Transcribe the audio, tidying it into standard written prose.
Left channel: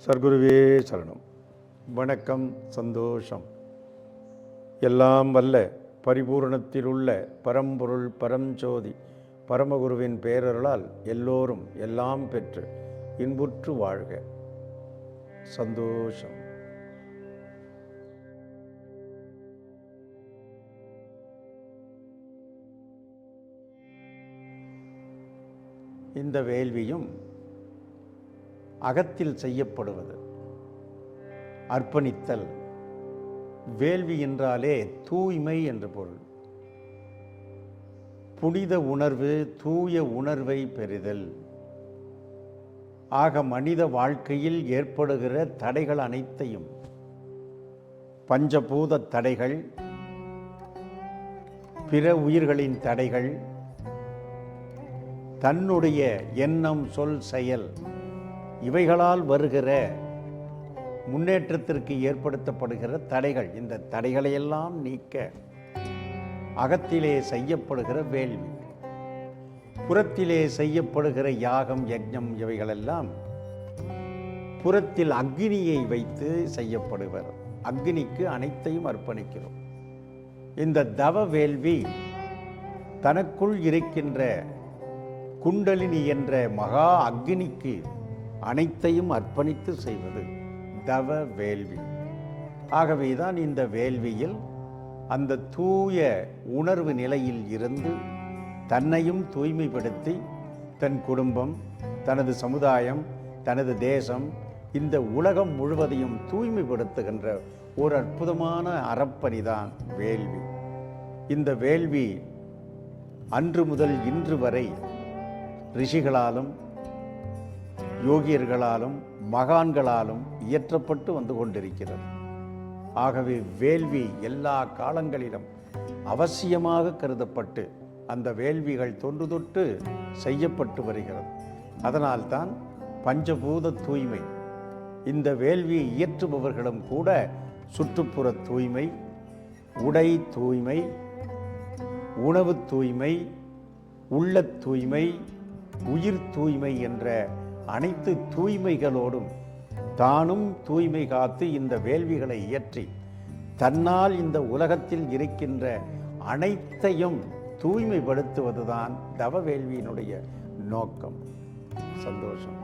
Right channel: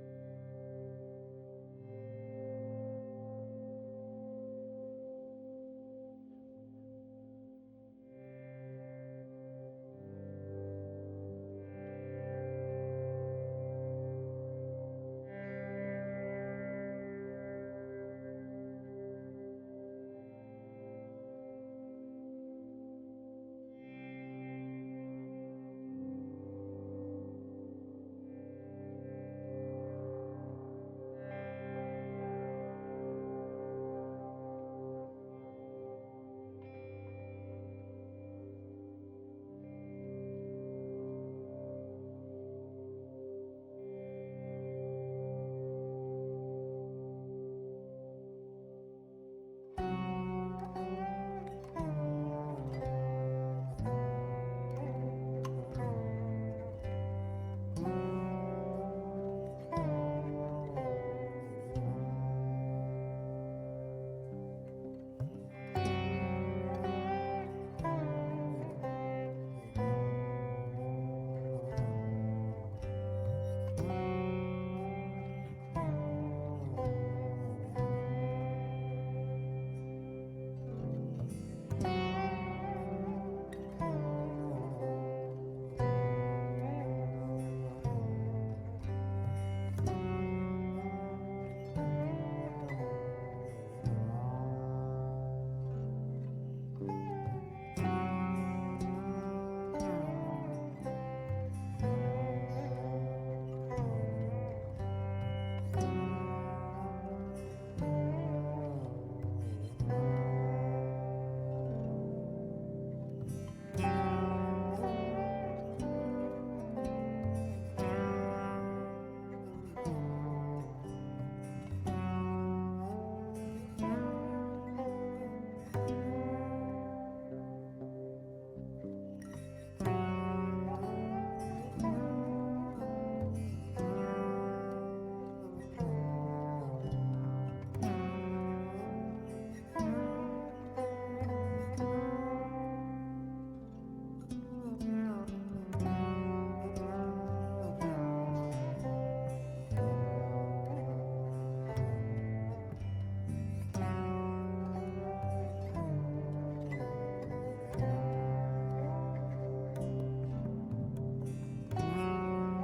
சர்க்குருவே சரணம். வணக்கம். சந்தோஷம். எல்லாம் வல்ல பரிபூரணத்தில் உள்ள பரம்பொருள் பரஞ்சோதி பரமகுருவின் பேரருளால் எல்லோரும் எல்லாம் பெற்று இன்புற்று வாழ்க. சந்தோஷம். இந்த வேள்வியும் அகத்தில் செய்யப்படுவது. அர்ப்பணித்தல். வேள்வி என்றாலே தூய்மை என்று பொருள். புனித உணர்வு, தூய உணர்வை பெறுதல். ஆக மனித வாழ்க்கையில் ஏற்படுகிற தடைகள் அனைத்தையும், பஞ்சபூத தடைகள், பிற உயிர்களின் தடைகள், தன்னுடைய எண்ணம், சொல், செயல் இவைகளால் வருகிற முன்னேற்றத்திற்கு ஏற்படுத்தப்படுகிற தடைகள், இந்த தடைகளையெல்லாம் நீக்க அகத்திலே செய்யப்படுகிற வேள்வி, புறத்திலே செய்யப்படுகிற யாகம், யஜ்ஞம் இவைகளெல்லாம் புறத்தில் அக்னியை வைத்து செய்யப்படுவர். அக்னிக்கு அனைத்தையும் அர்ப்பணிக்கிறோம். இந்த தவ வேள்வி தனக்குள் இருக்கின்ற குண்டலினி என்ற மகா அக்னிக்கு அனைத்தையும் அர்ப்பணித்து செய்வது தவ வேள்வி. ஆகவேதான் இந்த வேள்வியில் அந்த தூய உணர்வு நிலையில் இருந்து தன்னையும் தூய்மைப்படுத்தி தன் குடும்பம், தனது சமுதாயம், தனது தேசம், இந்த உலகம் முழுவதையும் தூய்மைப்படுத்துகின்ற ஒரு அற்புதமான அறப்பணிதான் வேள்வி. இந்த வேள்வி அன்று முதல் இன்று வரை ரிஷிகளாலும் யோகியர்களாலும் மகான்களாலும் இயற்றப்பட்டு வந்து கொண்டிருக்கிறது. ஆகவே வேள்வி எல்லா காலங்களிலும் அவசியமாக கருதப்பட்டு அந்த வேள்விகள் தொன்று தொட்டு செய்யப்பட்டு வருகிறது. அதனால்தான் பஞ்சபூத தூய்மை. இந்த வேள்வியை இயற்றுபவர்களும் கூட சுற்றுப்புற தூய்மை, உடை தூய்மை, உணவு தூய்மை, உள்ள தூய்மை, உயிர் தூய்மை என்ற அனைத்து தூய்மைகளோடும் தானும் தூய்மை காத்து இந்த வேள்விகளை இயற்றி தன்னால் இந்த உலகத்தில் இருக்கின்ற அனைத்தையும் தூய்மைப்படுத்துவதுதான் தவ வேள்வியினுடைய நோக்கம். சந்தோஷம்.